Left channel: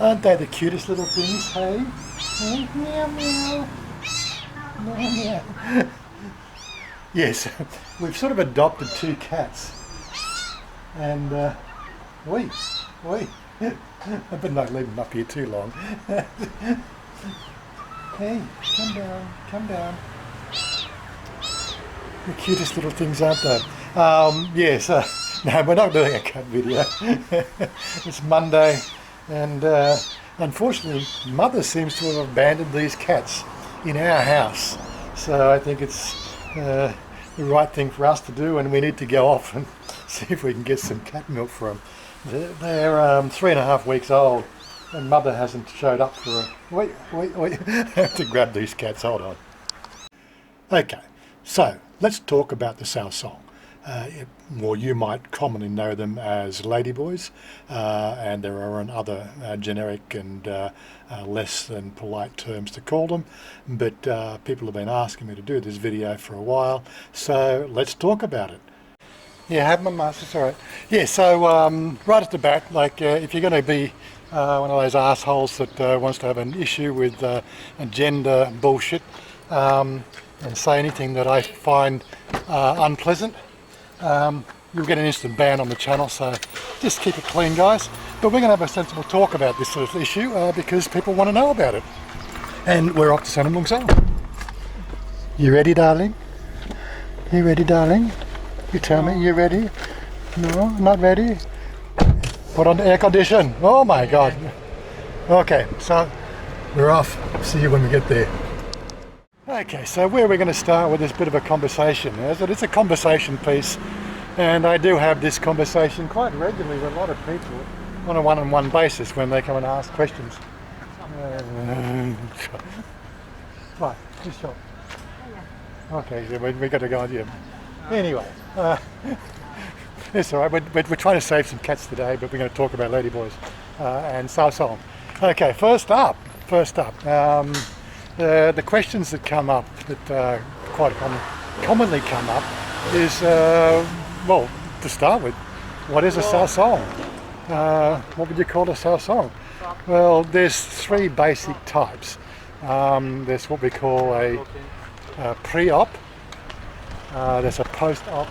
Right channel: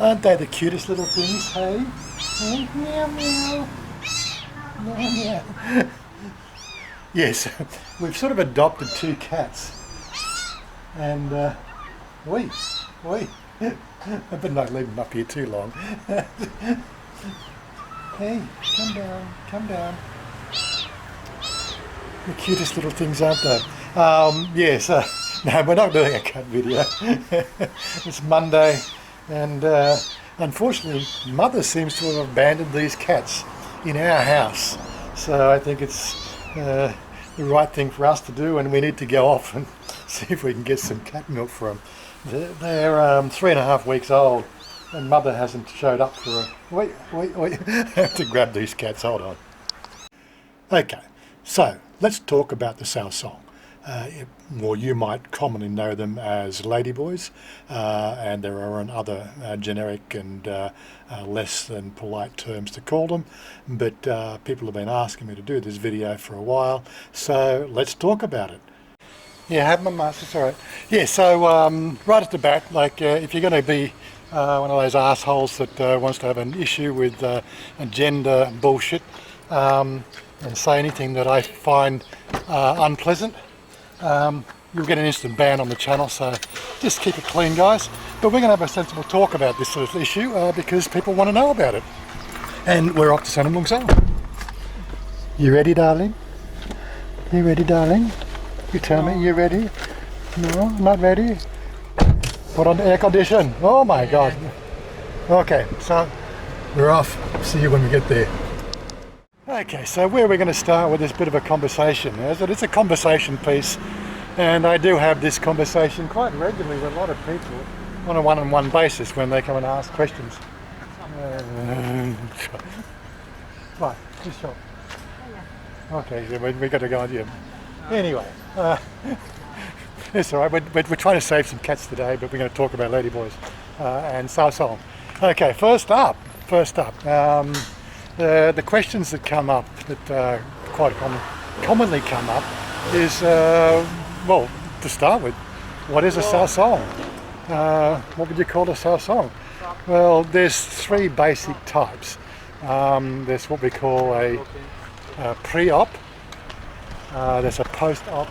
Aren't they the cutest little things, hey? Hey, meow meow. Meow meow. Yes, we've sort of adopted two cats. And, oi. I better not leave them up here too long. Hey, come down. The cutest little things, aren't they? Yes, no, we're not doing a cat video. It's Monday, and unfortunately, Mother seems to have abandoned these cats in our house. So I think it's the right thing for us to do, and we need to go off and see if we can get some cat milk for them. They're 3.5 weeks old, and Mother hasn't showed up for a... Wait. I have to grab these cats, hold on. Okay, so let's talk about the Saao Song. Or you might commonly know them as Ladyboys, and there are other generic and less than polite terms to call them, but people have been asking me to do this video for a while, so let's talk about it. Yeah, have my mask, it's alright. Yeah, so right at the bat, like if you're going to be one of those assholes that wants to have an issue with gender bullshit and say anything that I find unpleasant, you'll get an instant ban on the channel, so just keep it clean, guys. But we're going to have a sensible talk about this sort of issue because people want to know about it. And we're off to Sanamung Sao. You ready, darling? You ready, darling? You tell me, you ready? No, not ready? Put on the air condition. Oh my God. Okay, so we're off. See you when we get there. Okay, so where we're going to start with this bit of a conversation is that it's a conversation piece, and I do have this conversation quite regularly with a lot of people on a one-on-one basis when they come and ask questions. Right, just shot. Okay, so we got to go on here. Anyway, it's all right. We're trying to save some cats today, but we're going to talk about Ladyboys and Saao Song. Okay, first up. The questions that come up, that quite commonly come up, is well, to start with, what is a Saao Song? What would you call a Saao Song? Well, there's three basic types. There's what we call a pre-op. There's a post-op,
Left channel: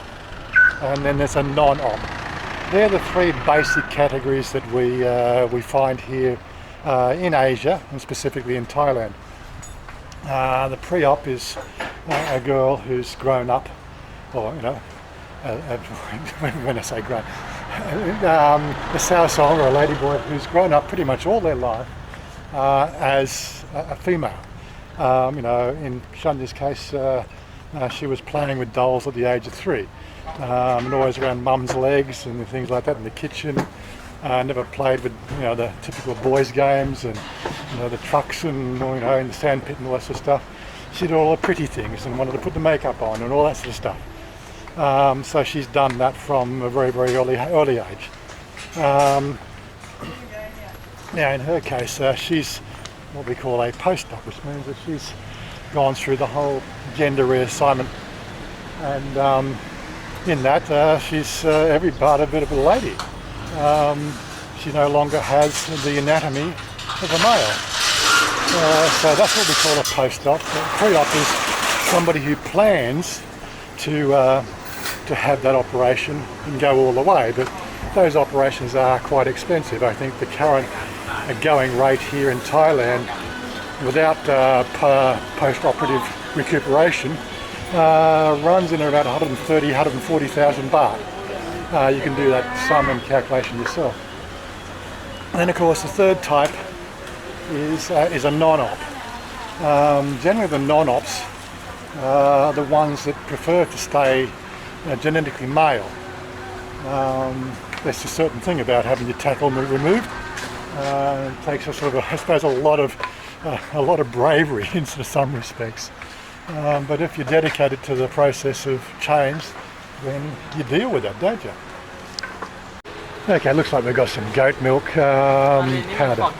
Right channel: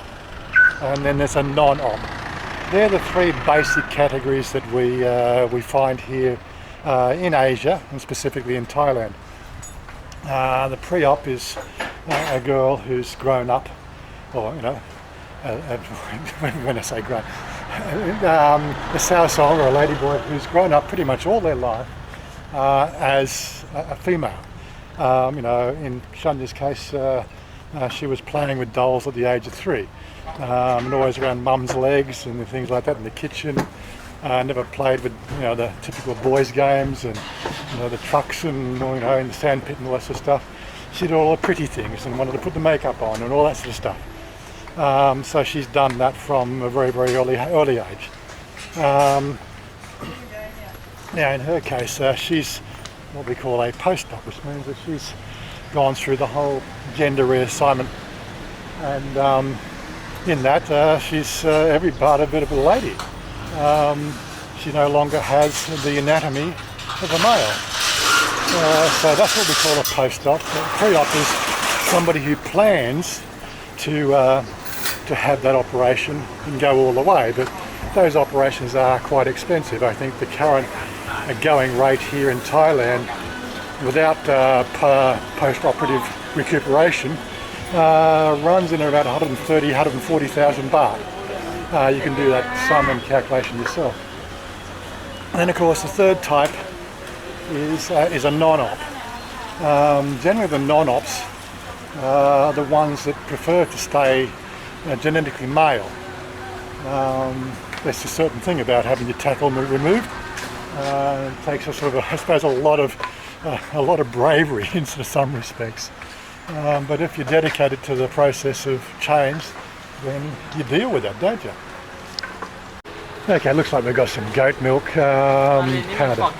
and then there's a non-op. They're the three basic categories that we find here in Asia, and specifically in Thailand. The pre-op is a girl who's grown up, or when I say grown, a Saao Song or a ladyboy who's grown up pretty much all their life as a female. In Chanya's case, she was playing with dolls at the age of 3, and always around mum's legs and things like that in the kitchen. Never played with the typical boys games and the trucks and in the sandpit and all that sort of stuff. She did all the pretty things and wanted to put the makeup on and all that sort of stuff. So she's done that from a very, very early age. Now in her case, she's what we call a post-op, which means that she's gone through the whole gender reassignment, and in that she's every part a bit of a lady. She no longer has the anatomy of a male. So that's what we call a post-op. Pre-op is somebody who plans to have that operation and go all the way, but those operations are quite expensive. I think the current going rate here in Thailand without post-operative recuperation runs in about 130,000, 140,000 baht. You can do that sum and calculation yourself. And then of course the third type is a non-op. Generally the non-ops are the ones that prefer to stay genetically male. There's a certain thing about having your tackle removed. It takes I suppose a lot of bravery in some respects. But if you're dedicated to the process of change, then you deal with that, don't you? Okay, looks like we've got some goat milk powder.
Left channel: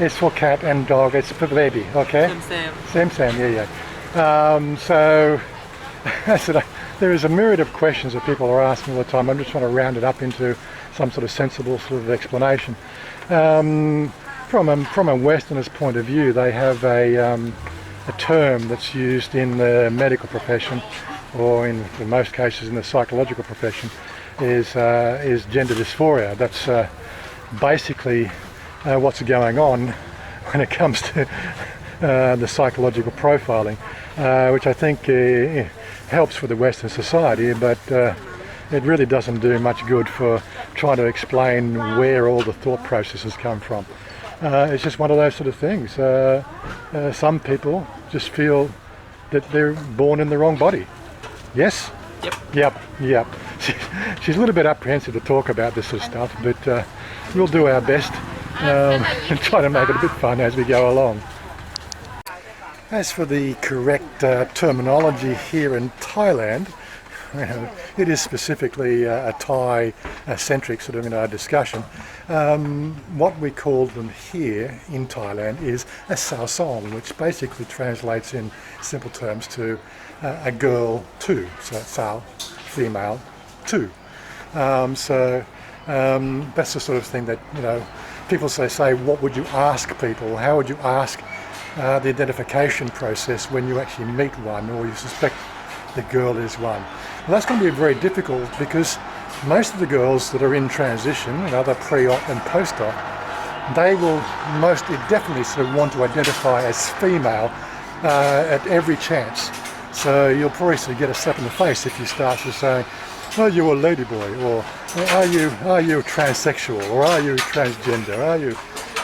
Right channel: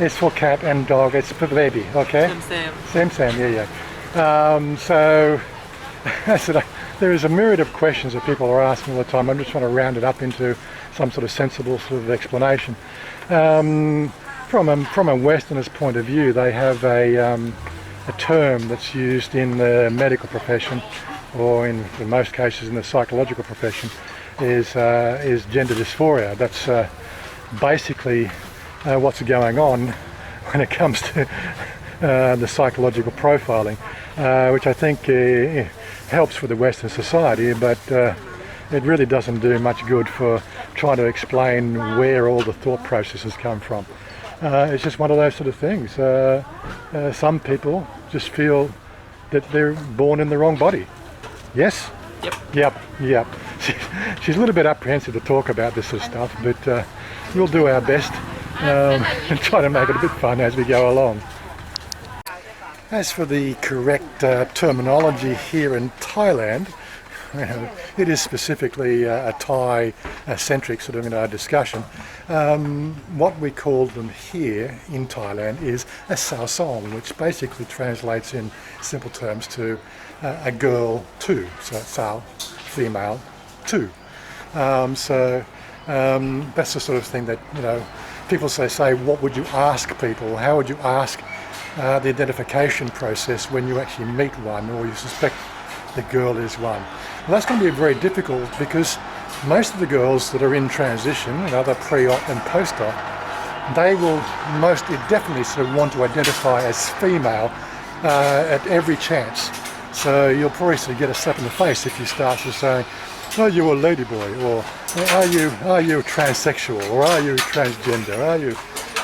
It's for cat and dog, it's for baby, okay? Same, yeah. So, there is a myriad of questions that people are asking all the time. I'm just trying to round it up into some sort of sensible sort of explanation. from a Westerner's point of view, they have a term that's used in the medical profession, or in most cases in the psychological profession, is gender dysphoria. That's basically what's going on when it comes to the psychological profiling, which I think helps for the Western society, but it really doesn't do much good for trying to explain where all the thought processes come from. It's just one of those sort of things. Some people just feel that they're born in the wrong body. Yes? Yep. She's a little bit apprehensive to talk about this sort of stuff, but we'll do our best and try to make it a bit fun as we go along. As for the correct terminology here in Thailand, it is specifically a Thai-centric sort of discussion. What we call them here in Thailand is a Saao Song, which basically translates in simple terms to a girl too. So Saao, female too. That's the sort of thing that people say, what would you ask people? How would you ask the identification process when you actually meet one or you suspect the girl is one? Well, that's going to be very difficult because most of the girls that are in transition, either pre-op and post-op, they will definitely sort of want to identify as female at every chance. So you'll probably sort of get a slap in the face if you start to say, "Are you a ladyboy?" or "Are you transsexual?" or "Are you transgender?" You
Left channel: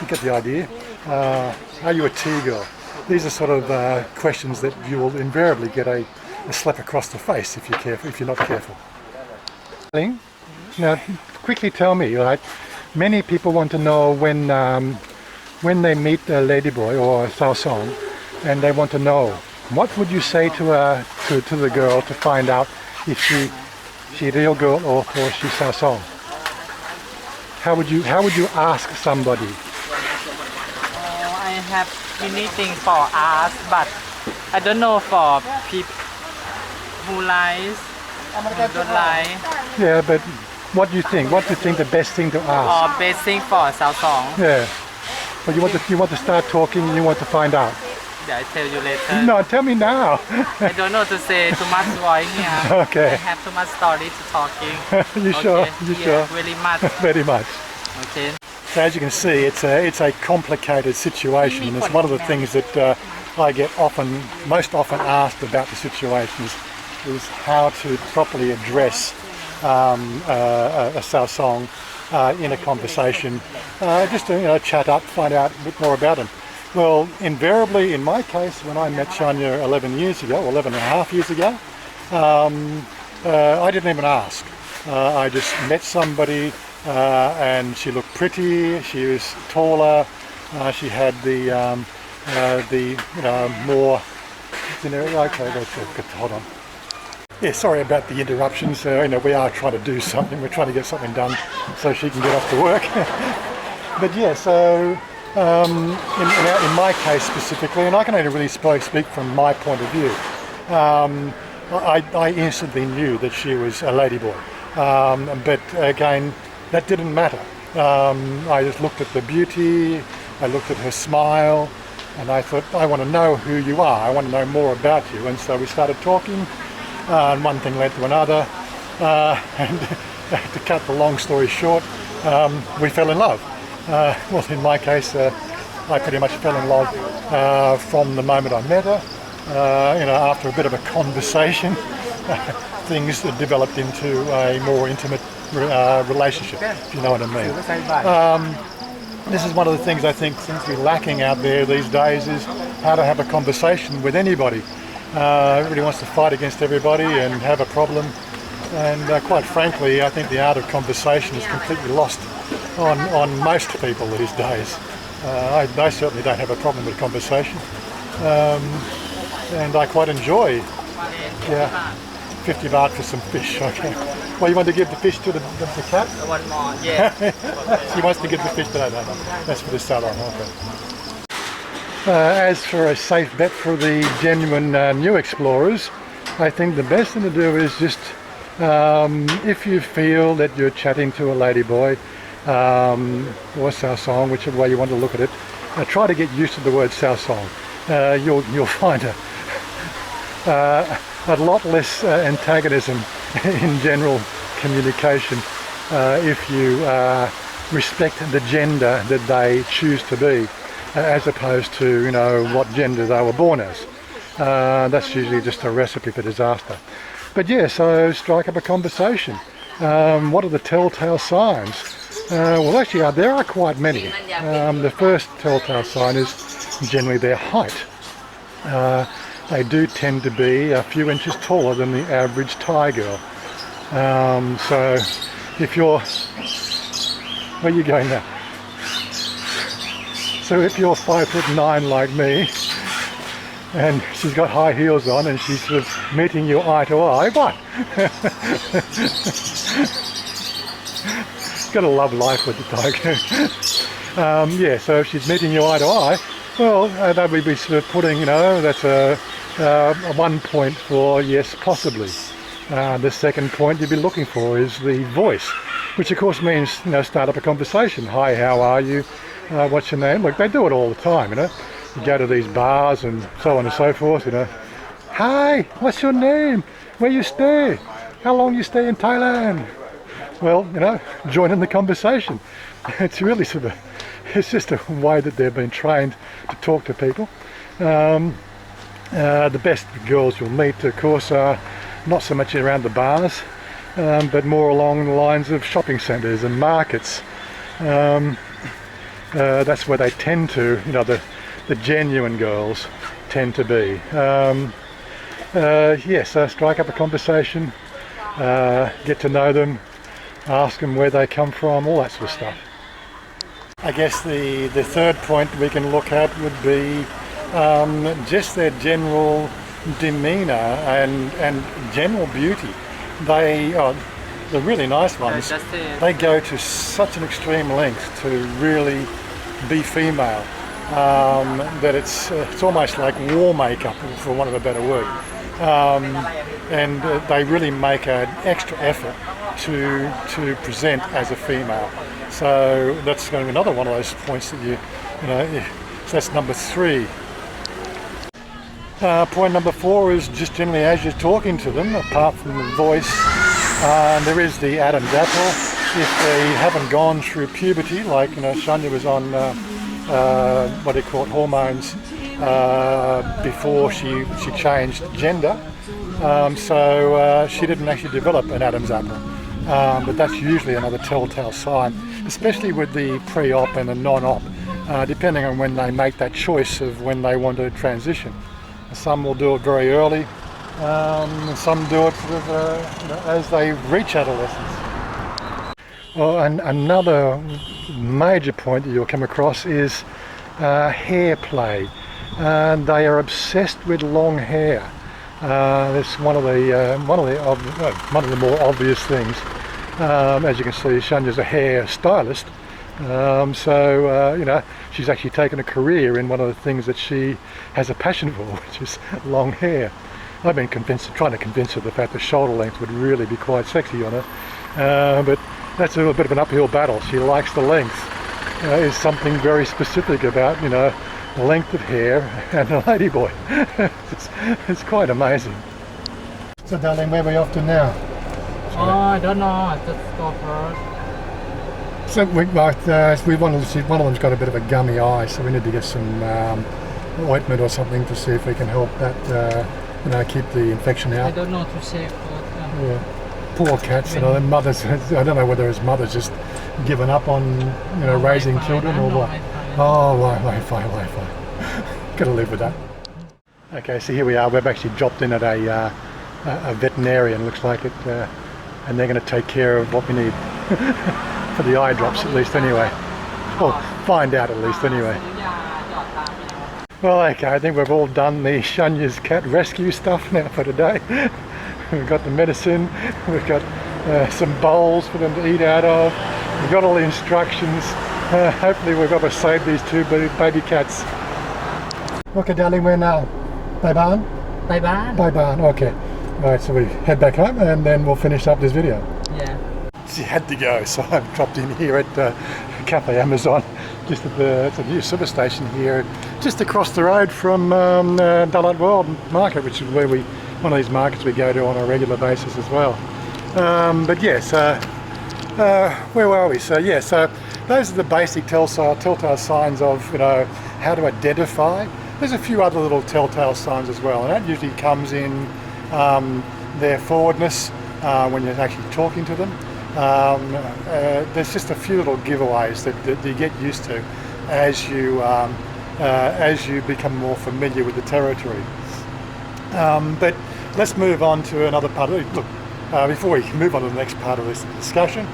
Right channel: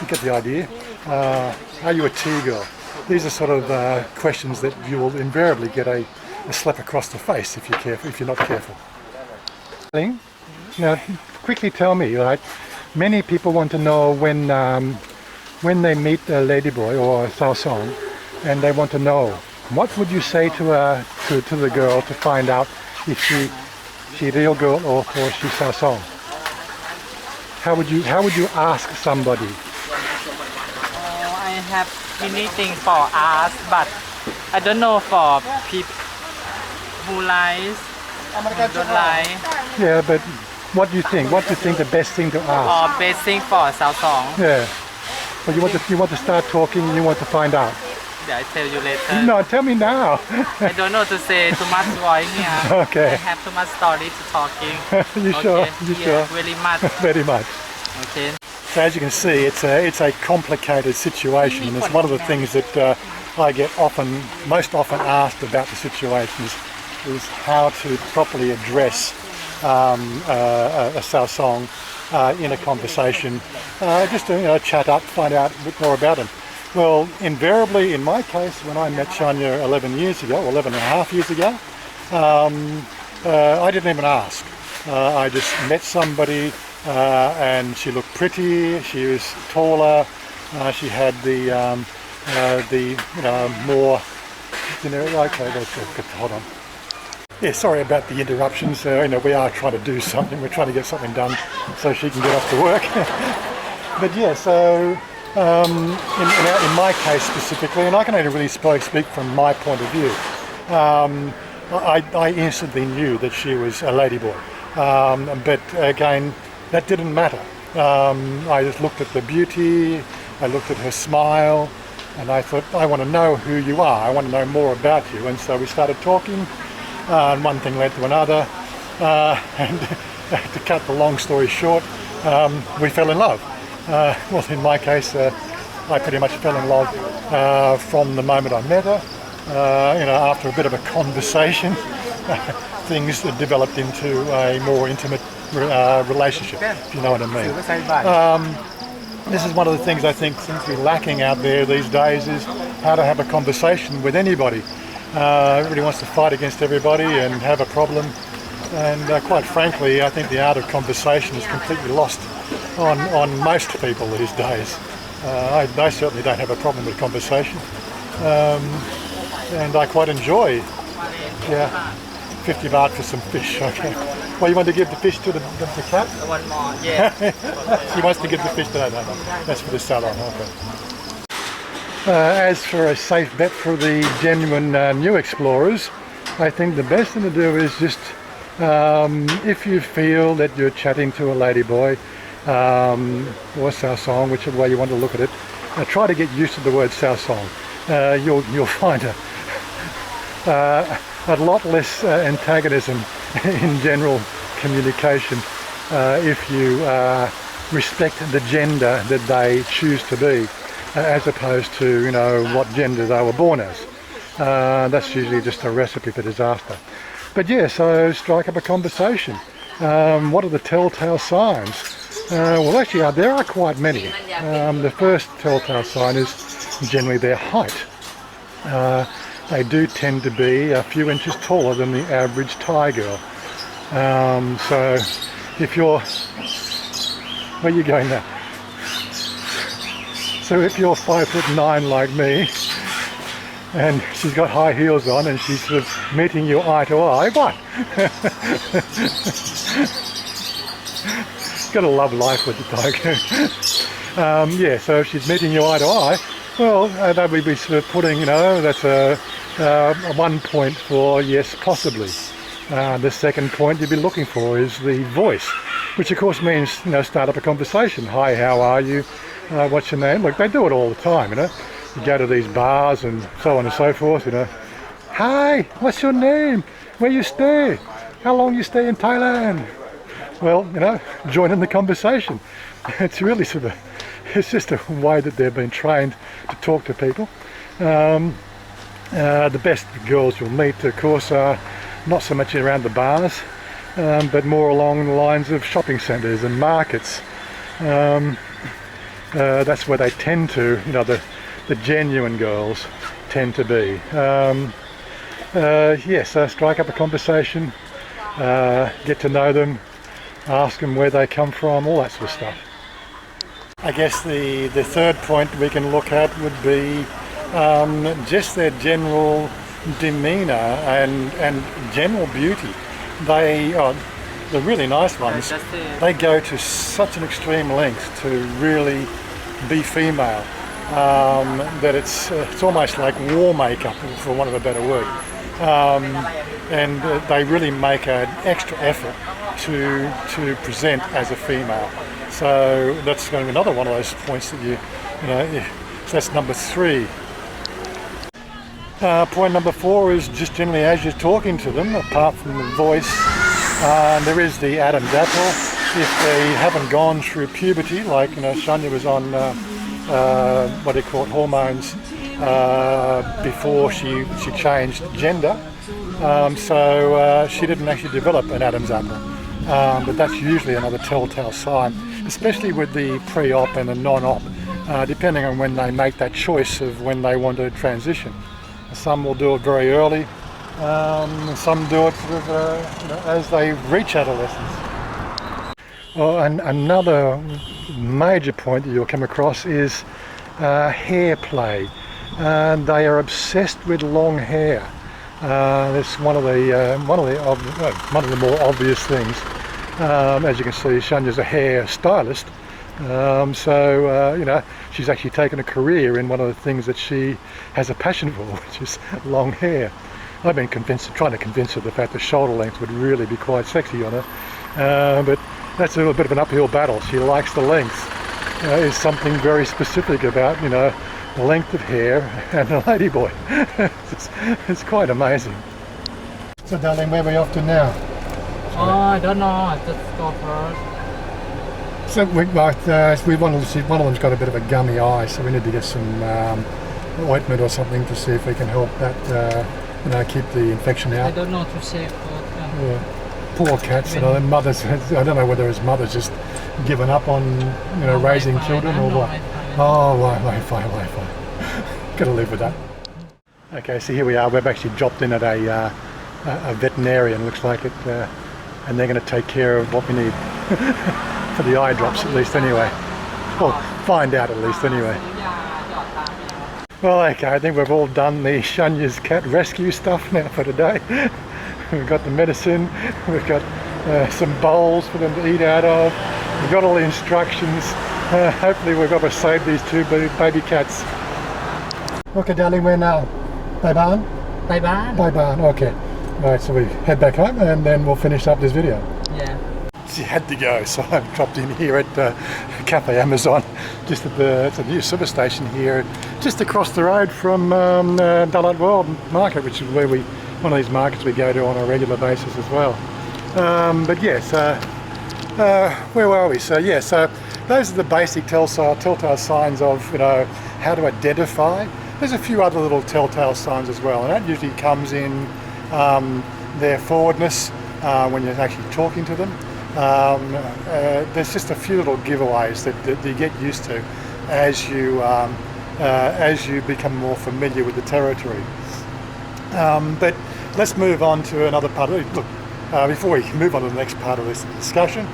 get the idea? Are you a T-girl? These are sort of questions that you will invariably get a slap across the face if you're not careful. Now, quickly tell me, right? Many people want to know when they meet a ladyboy or a Saao Song, and they want to know, what would you say to the girl to find out if she real girl or she Saao Song? How would you ask somebody? I have many things for ask, but I don't know for people who lies and don't lie. Yeah, but what do you think? What do you think the best thing to ask? Or best thing for Saao Song. Yeah. But you want to start talking and you want to find out. Yeah, I tell you later. No, tell me now. I don't know to say too much voice here. Okay. I have too much story to talking. You sure? You sure? Very much. Very much. Okay. So as you can see, it's a complicated situation, and it's one of the things that I get most often asked about the situations is how to properly address a Saao Song in a conversation, just to chat up, find out a bit more about him. Well, invariably, in my case, when I met Chanya 11 and a half years ago, I didn't even ask. I just met somebody, and she looked pretty. She was taller. She had the more. Okay, hold on. Yeah, sorry about the interruptions. We are trying to do something. We're trying to get something done so she can get off to work. But yeah, so in my case specifically, and I can only really speak from my point of view, I instantly knew that she was a ladyboy. But again, that didn't matter. I just looked at the beauty, I looked at her smile, and I thought, I want to know who you are. I want to know more about you. And so we started talking, and one thing led to another. And to cut the long story short, we fell in love. Well, in my case, I pretty much fell in love from the moment I met her. After a bit of a conversation, things developed into a more intimate relationship, if you know what I mean. This is one of the things I think seems to be lacking out there these days, is how to have a conversation with anybody. Everybody wants to fight against everybody and have a problem. And quite frankly, I think the art of conversation is completely lost on most people these days. I certainly don't have a problem with conversation. And I quite enjoy, 50 baht for some fish, okay. Well, you want to give the fish to the cat? One more, yeah. She wants to give the fish to no. That's for the salon, okay. As for a safe bet for the genuine new explorers, I think the best thing to do is just, if you feel that you're chatting to a ladyboy, or Saao Song, whichever way you want to look at it. Try to get used to the word Saao Song. You'll find a lot less antagonism in general communication if you respect the gender that they choose to be, as opposed to, you know, what gender they were born as. That's usually just a recipe for disaster. But yeah, so strike up a conversation. What are the telltale signs? Well, actually, there are quite many. The first telltale sign is generally their height. They do tend to be a few inches taller than the average Thai girl. So if you're... Where are you going now? So if you're 5'9" like me, and she's got high heels on and she's sort of meeting you eye to eye, what? Gotta love life with the Thai girl. Yeah, so if she's meeting you eye to eye, well, that would be sort of putting, you know, that's a 1 point for yes, possibly. The second point you'd be looking for is the voice, which of course means, you know, start up a conversation. Hi, how are you? What's your name? Look, they do it all the time, you know. You go to these bars and so on and so forth, you know. Hi, what's your name? Where you stay? How long you stay in Thailand? Well, you know, join in the conversation. It's really sort of, it's just a way that they've been trained to talk to people. The best girls you'll meet, of course, are not so much around the bars, but more along the lines of shopping centres and markets. That's where they tend to, you know, the genuine girls tend to be. Yes, strike up a conversation, get to know them, ask them where they come from, all that sort of stuff. I guess the third point we can look at would be just their general demeanour and general beauty. The really nice ones, they go to such an extreme length to really be female, that it's almost like war makeup, for want of a better word. And they really make an extra effort to present as a female. So that's going to be another one of those points that you know, so that's number 3. Point number 4 is just generally as you're talking to them, apart from the voice, there is the Adam's apple. If they haven't gone through puberty, like, you know, Chanya was on what do you call it, hormones before she changed gender, so she didn't actually develop an Adam's apple. But that's usually another telltale sign, especially with the pre-op and the non-op, depending on when they make that choice of when they want to transition. Some will do it very early, some do it sort of, you know, as they reach adolescence. Well, and another major point that you'll come across is hair play. They are obsessed with long hair. That's one of the more obvious things. As you can see, Chanya's a hair stylist, so you know, she's actually taken a career in one of the things that she has a passion for, which is long hair. I've been trying to convince her the fact that shoulder length would really be quite sexy on her, but that's a little bit of an uphill battle. She likes the length. Is something very specific about, you know, the length of hair and a ladyboy. It's quite amazing. So darling, where are we off to now? Oh, I don't know. Just go first. So we want to see, one of them's got a bit of a gummy eye, so we need to get some ointment or something to see if we can help that, you know, keep the infection out. I don't know to say. Yeah. Poor cats, you know, their mothers, I don't know whether his mother's just given up on, you know, raising children or what. Oh, Wi-Fi. Gotta live with that. Okay, so here we are. We've actually dropped in at a veterinarian, looks like it, and they're going to take care of what we need for the eye drops, at least anyway. Well, find out at least anyway. Well, okay, I think we've all done the Chanya's cat rescue stuff now for today. We've got the medicine, we've got some bowls for them to eat out of, we've got all the instructions. Hopefully we've got to save these 2 baby cats. Okay darling, we're now Bye Ban, okay. Alright, so we head back home and then we'll finish up this video. Yeah. she had to go, so I've dropped in here at Cafe Amazon, just at it's a new super station here, just across the road from Daylight World Market, which is where one of these markets we go to on a regular basis as well. But yes, where were we? So yeah, so those are the basic telltale signs of, you know, how to identify. There's a few other little telltale signs as well, and that usually comes in their forwardness when you're actually talking to them. There's just a few little giveaways that you get used to as you become more familiar with the territory. But let's move on to another part of it. Look, before we move on to the next part of this discussion,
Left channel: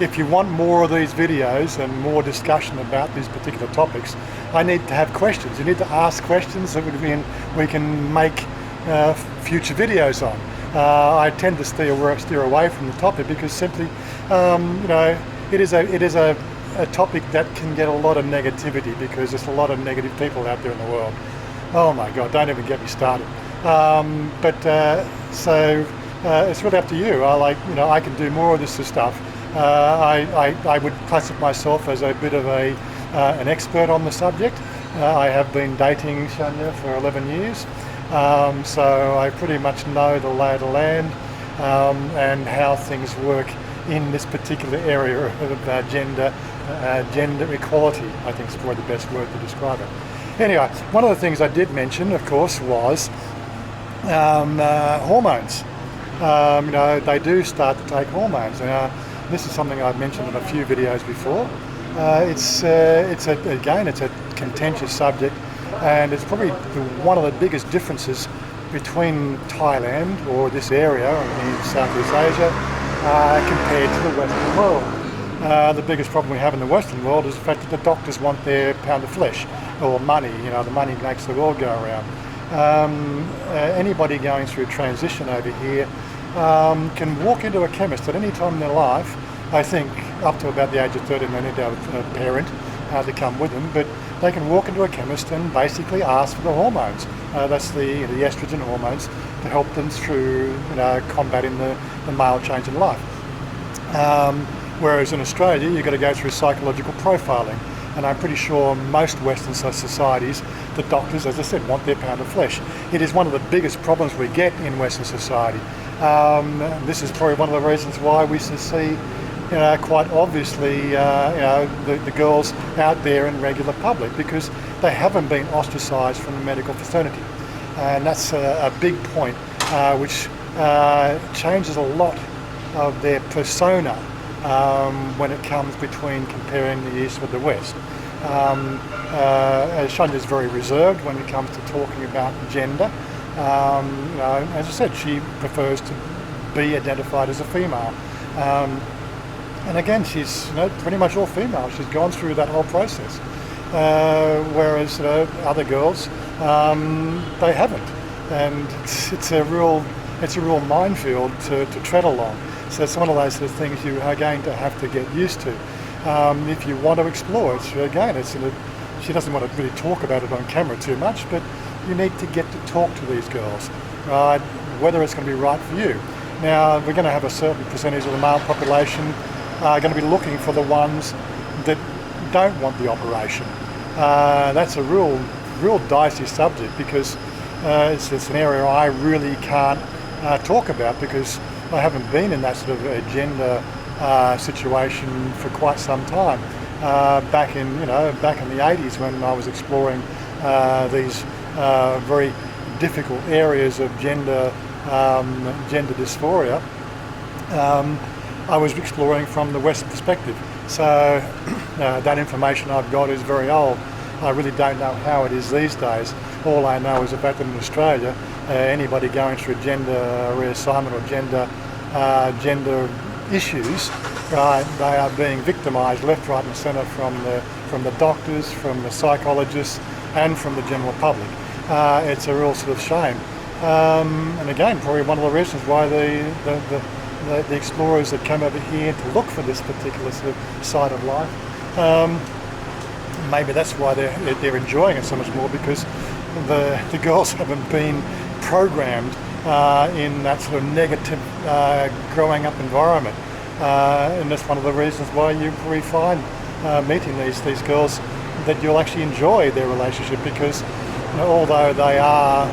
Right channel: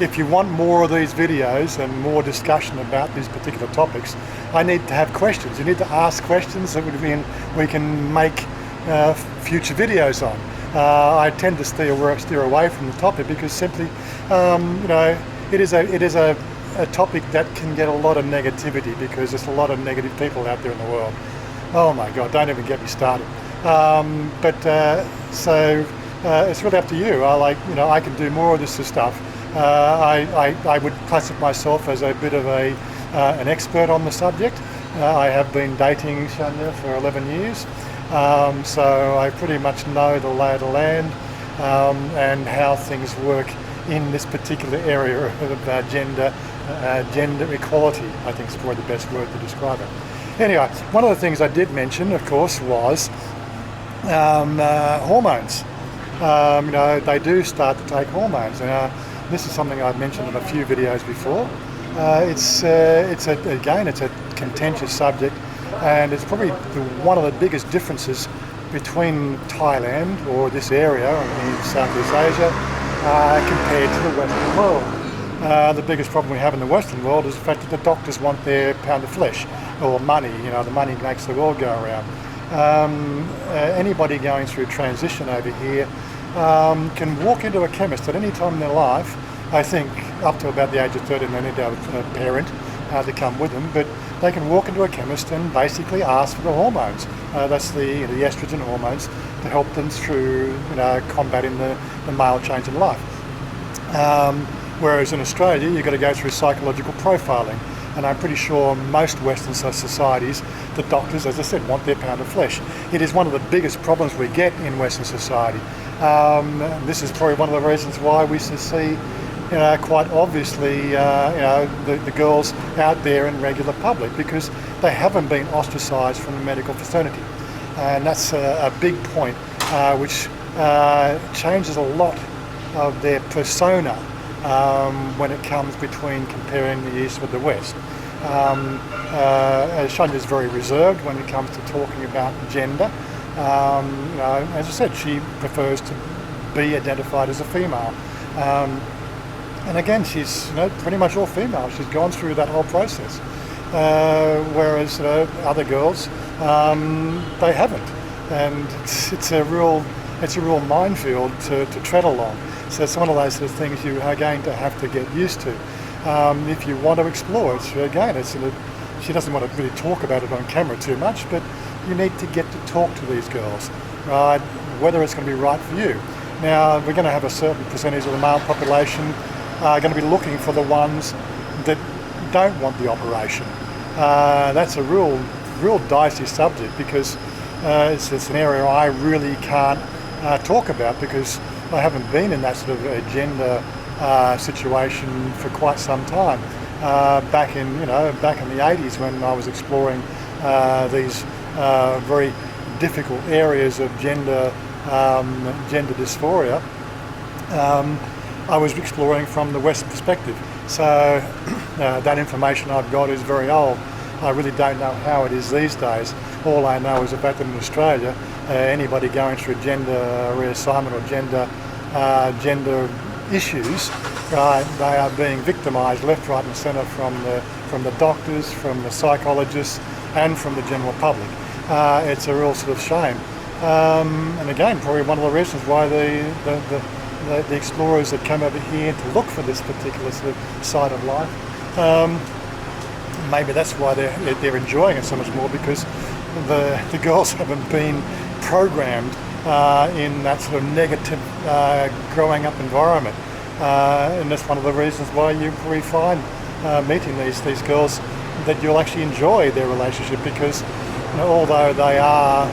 if you want more of these videos and more discussion about these particular topics, I need to have questions. You need to ask questions that we can make future videos on. I tend to steer away from the topic because simply, you know, it is a topic that can get a lot of negativity because there's a lot of negative people out there in the world. Oh my God, don't even get me started. So it's really up to you. I can do more of this stuff. I would classify myself as a bit of an expert on the subject. I have been dating Chanya for 11 years. So I pretty much know the lay of the land and how things work in this particular area of gender equality, I think is probably the best word to describe it. Anyway, one of the things I did mention, of course, was hormones. You know, they do start to take hormones. This is something I've mentioned in a few videos before. It's a contentious subject. And it's probably one of the biggest differences between Thailand or this area in Southeast Asia compared to the Western world. The biggest problem we have in the Western world is the fact that the doctors want their pound of flesh or money. You know, the money makes the world go around. Anybody going through transition over here can walk into a chemist at any time in their life. I think up to about the age of 30, they need to have a parent to come with them, but they can walk into a chemist and basically ask for the hormones. That's the estrogen hormones to help them through, you know, combating the male change in life. Whereas in Australia, you've got to go through psychological profiling. And I'm pretty sure most Western societies, the doctors, as I said, want their pound of flesh. It is one of the biggest problems we get in Western society. This is probably one of the reasons why we see, you know, quite obviously, you know, the girls out there in regular public because they haven't been ostracised from the medical fraternity. And that's a big point which changes a lot of their persona when it comes between comparing the East with the West. Chanya is very reserved when it comes to talking about gender. You know, as I said, she prefers to be identified as a female. And again, she's, you know, pretty much all female. She's gone through that whole process. Whereas other girls, they haven't. And it's a real minefield to tread along. So it's one of those sort of things you are going to have to get used to. If you want to explore it, again, she doesn't want to really talk about it on camera too much, but you need to get to talk to these girls, right? Whether it's going to be right for you. Now, we're going to have a certain percentage of the male population going to be looking for the ones that don't want the operation. That's a real dicey subject because it's an area I really can't talk about because I haven't been in that sort of gender situation for quite some time. Back in the 80s when I was exploring these very difficult areas of gender dysphoria, I was exploring from the West perspective. So that information I've got is very old. I really don't know how it is these days. All I know is the fact that in Australia, anybody going through gender reassignment or gender issues, right, they are being victimised left, right and centre from the doctors, from the psychologists and from the general public. It's a real sort of shame. And again, probably one of the reasons why the explorers that come over here to look for this particular sort of side of life, maybe that's why they're enjoying it so much more because the girls haven't been programmed in that sort of negative growing up environment. and that's one of the reasons why we find meeting these girls that you'll actually enjoy their relationship, because although they are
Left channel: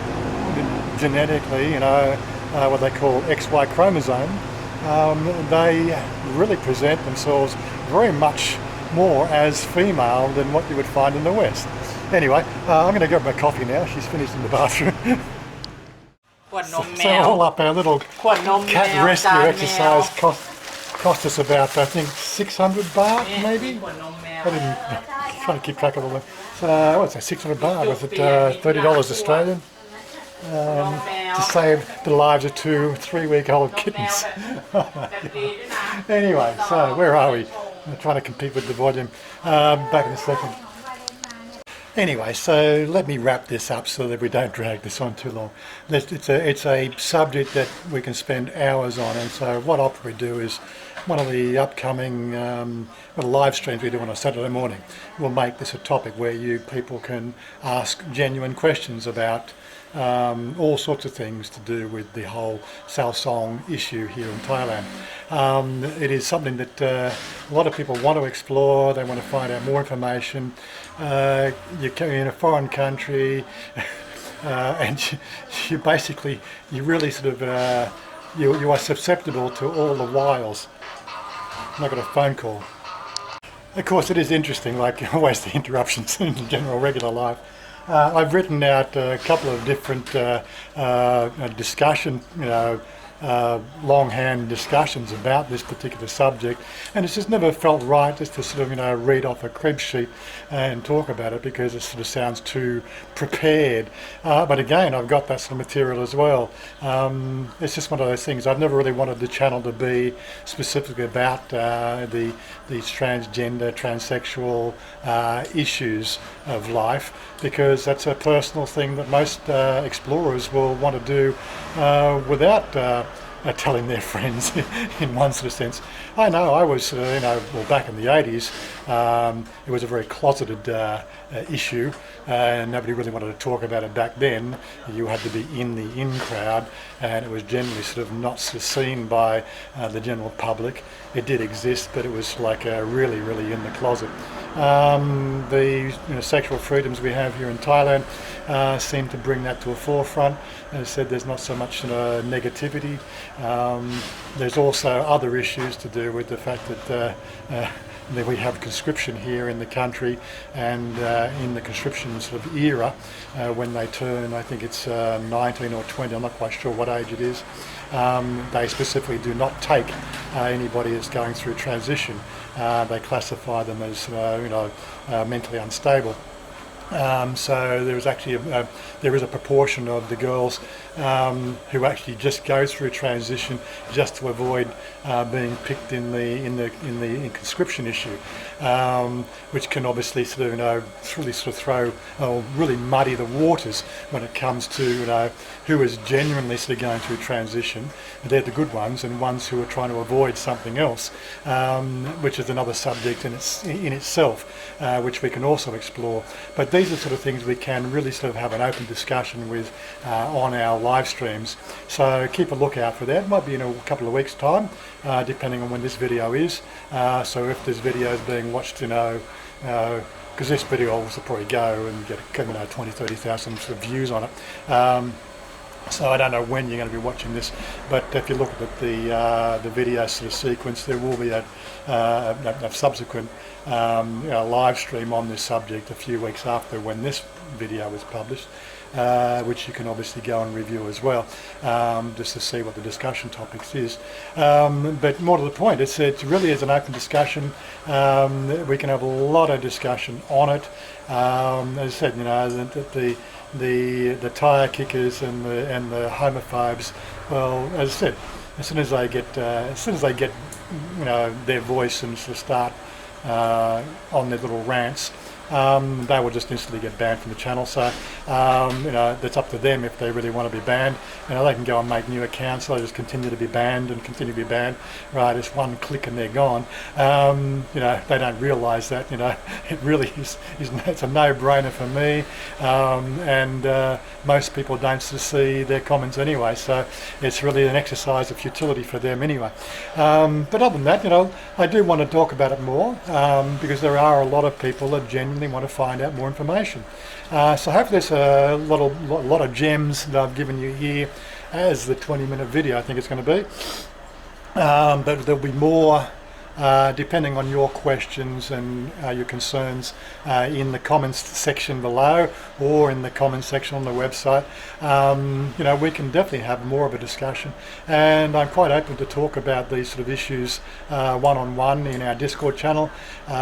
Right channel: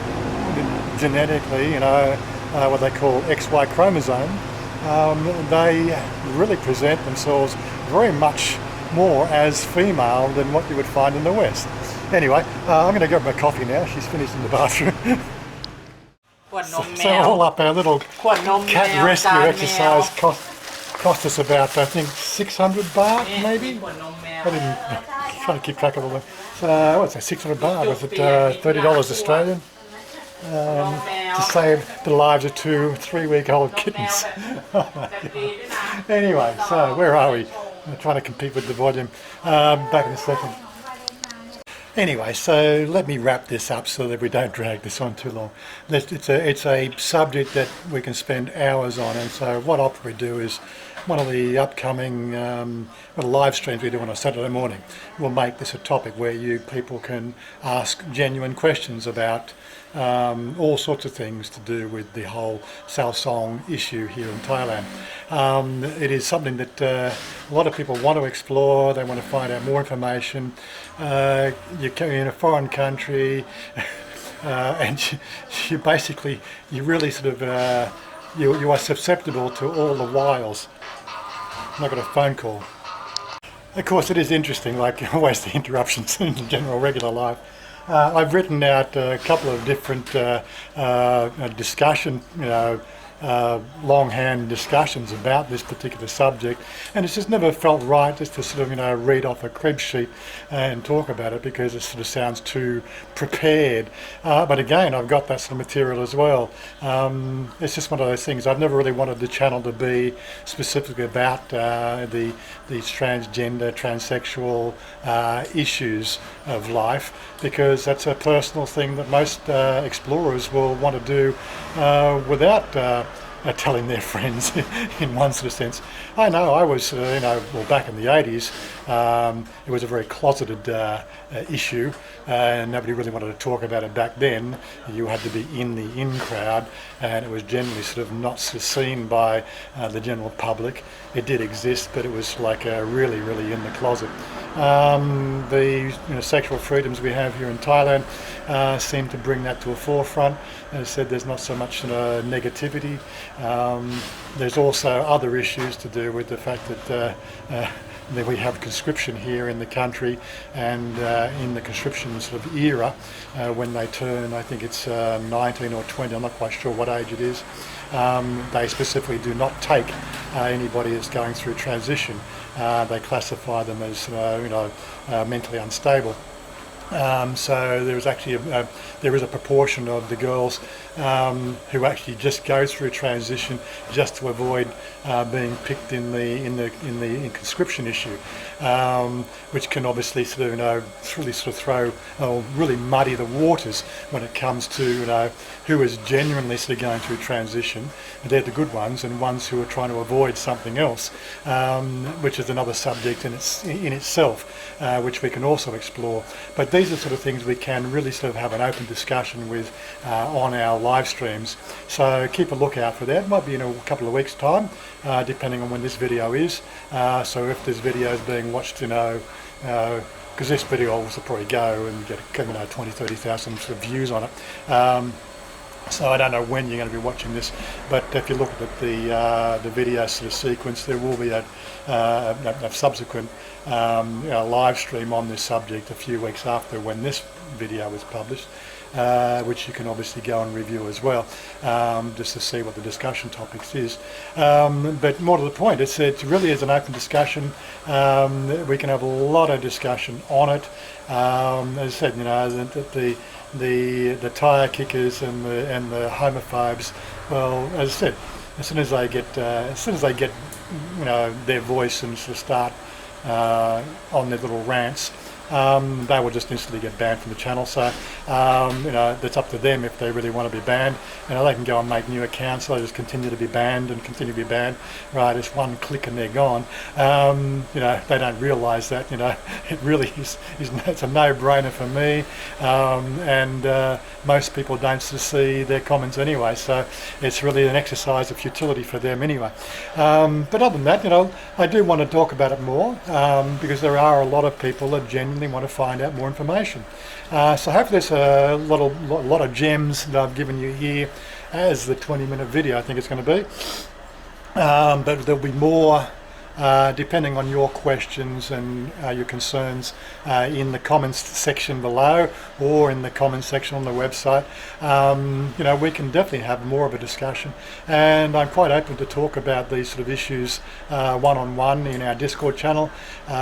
genetically, what they call XY chromosome, they really present themselves very much more as female than what you would find in the West. Anyway, I'm going to grab my coffee now. She's finished in the bathroom. ขวดนมแม So ว all up, our little ขวดนมแม cat ว rescue จานแมว exercise cost us about, I think, 600 baht, ข maybe? วดนมแมว I didn't try to keep track of all that. So, what's that, 600 baht? Was it $30 Australian? To save the lives of 2 3-week-old kittens. Anyway, so where are we? I'm trying to compete with the volume. Back in a second. Anyway, so let me wrap this up so that we don't drag this on too long. It's a subject that we can spend hours on, and so what I'll probably do is one of the upcoming live streams we do on a Saturday morning, we'll make this a topic where you people can ask genuine questions about all sorts of things to do with the whole Saao Song issue here in Thailand. It is something that a lot of people want to explore. They want to find out more information. You're in a foreign country, and you basically, you really sort of, you are susceptible to all the wiles. I got a phone call. Of course, it is interesting, like always the interruptions in general regular life. I've written out a couple of different discussion, longhand discussions about this particular subject, and it's just never felt right just to sort of read off a crib sheet and talk about it, because it sort of sounds too prepared. But again, I've got that sort of material as well. It's just one of those things. I've never really wanted the channel to be specifically about these transgender, transsexual issues of life, because that's a personal thing that most explorers will want to do without telling their friends in one sort of sense. I know I was, back in the 80s, it was a very closeted issue, and nobody really wanted to talk about it back then. You had to be in the in crowd, and it was generally sort of not seen by the general public. It did exist, but it was like really, really in the closet. The sexual freedoms we have here in Thailand seem to bring that to a forefront. As I said, there's not so much negativity. There's also other issues to do with the fact that we have conscription here in the country, and in the conscription sort of era, when they turn, I think it's 19 or 20, I'm not quite sure what age it is, they specifically do not take anybody that's going through transition. They classify them as mentally unstable. So there is actually there is a proportion of the girls who actually just go through transition just to avoid being picked in the conscription issue, which can obviously sort of really sort of throw really muddy the waters when it comes to who is genuinely sort of going through transition. They're the good ones, and ones who are trying to avoid something else, which is another subject in itself, which we can also explore. But these are sort of things we can really sort of have an open discussion with on our live streams. So keep a lookout for that. It might be in a couple of weeks' time, depending on when this video is. So if this video is being watched, because this video will probably go and get 20,000-30,000 sort of views on it. So I don't know when you're going to be watching this, but if you look at the video sort of sequence, there will be a subsequent live stream on this subject a few weeks after when this video is published, which you can obviously go and review as well, just to see what the discussion topics is. But more to the point, it really is an open discussion. We can have a lot of discussion on it. As I said, the tire kickers and the homophobes. Well, as I said, as soon as they get their voice and sort of start on their little rants, they will just instantly get banned from the channel. So that's up to them if they really want to be banned. They can go and make new accounts. They just continue to be banned and continue to be banned. Right, it's one click and they're gone. They don't realise that. It really is. It's a no-brainer for me, and most people don't see their comments anyway. So it's really an exercise of futility for them anyway. But other than that, I do want to talk about it more because there are a lot of people that genuinely want to find out more information. So hopefully there's a lot of gems that I've given you here as the 20-minute video I think it's going to be. But there'll be more depending on your questions and your concerns in the comments section below or in the comments section on the website. We can definitely have more of a discussion, and I'm quite open to talk about these sort of issues one-on-one in our Discord channel,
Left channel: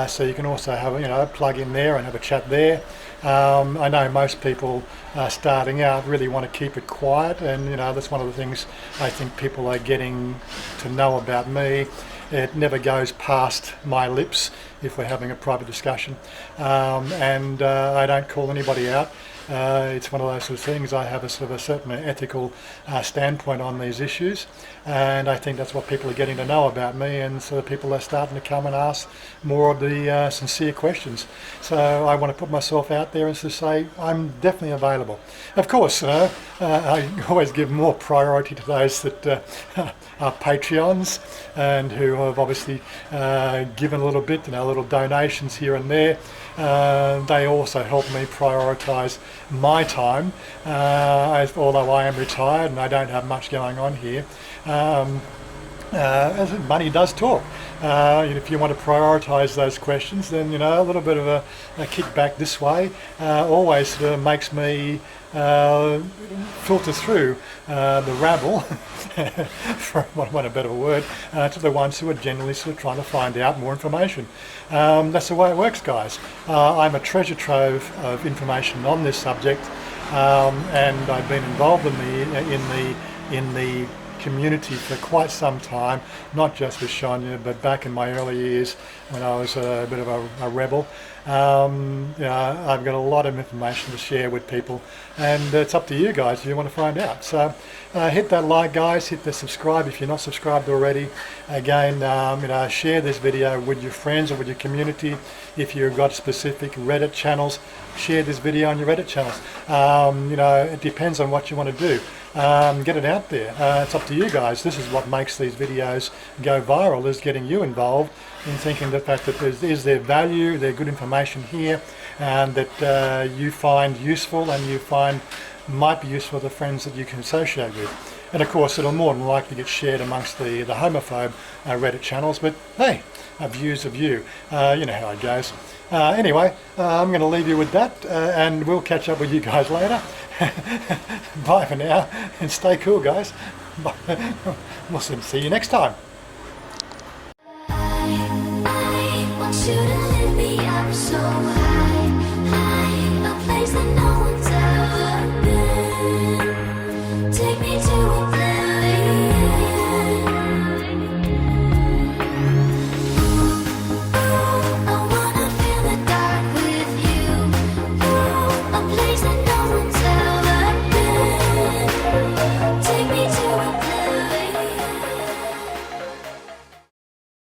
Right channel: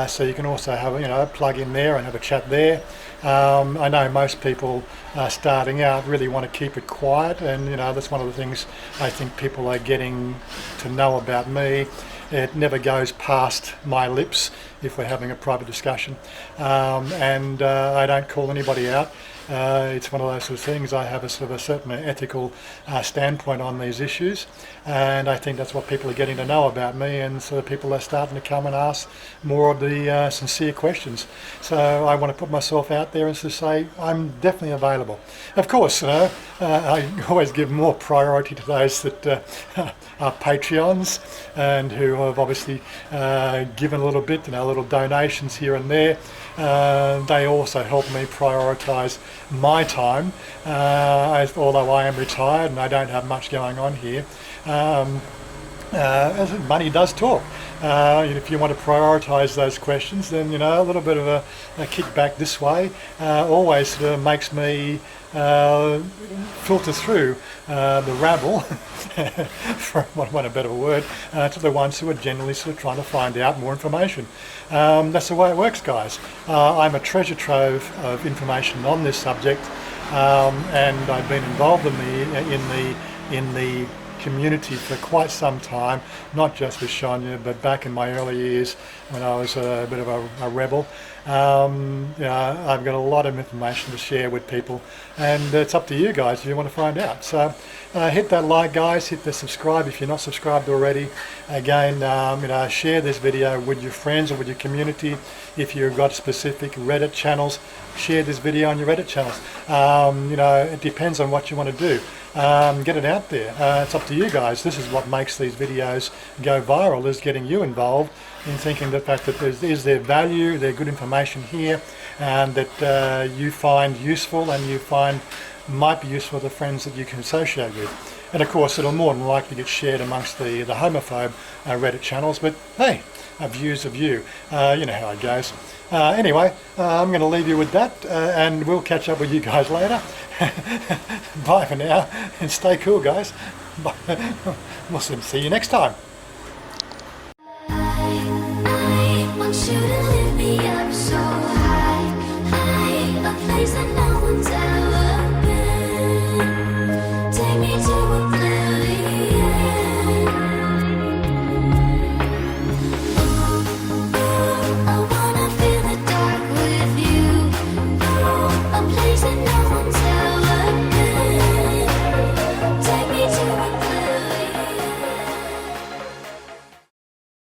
so you can also have plug in there and have a chat there. I know most people starting out really want to keep it quiet, and that's one of the things I think people are getting to know about me. It never goes past my lips if we're having a private discussion, and I don't call anybody out. It's one of those sort of things. I have a sort of a certain ethical standpoint on these issues, and I think that's what people are getting to know about me, and so people are starting to come and ask more of the sincere questions. So I want to put myself out there and to say I'm definitely available. Of course, I always give more priority to those that are Patreons and who have obviously given a little bit, little donations here and there. They also help me prioritise my time, although I am retired and I don't have much going on here. As money does talk. If you want to prioritise those questions, then a little bit of a kickback this way always sort of makes me filter through the rabble, for want of a better word, to the ones who are generally sort of trying to find out more information. That's the way it works, guys. I'm a treasure trove of information on this subject, and I've been involved in the community for quite some time, not just with Chanya, but back in my early years when I was a bit of a rebel. I've got a lot of information to share with people, and it's up to you guys if you want to find out. So hit that like, guys, hit the subscribe if you're not subscribed already. Again, share this video with your friends or with your community. If you've got specific Reddit channels, share this video on your Reddit channels. It depends on what you want to do. Get it out there. It's up to you guys. This is what makes these videos go viral, is getting you involved in thinking the fact that is there value, there's good information here, and that you find useful and you find might be useful to friends that you can associate with. And of course, it'll more than likely get shared amongst the homophobe Reddit channels, but hey, a view's a view. You know how it goes. Anyway, I'm going to leave you with that, and we'll catch up with you guys later. Bye for now, and stay cool, guys. We'll see you next time. I want you to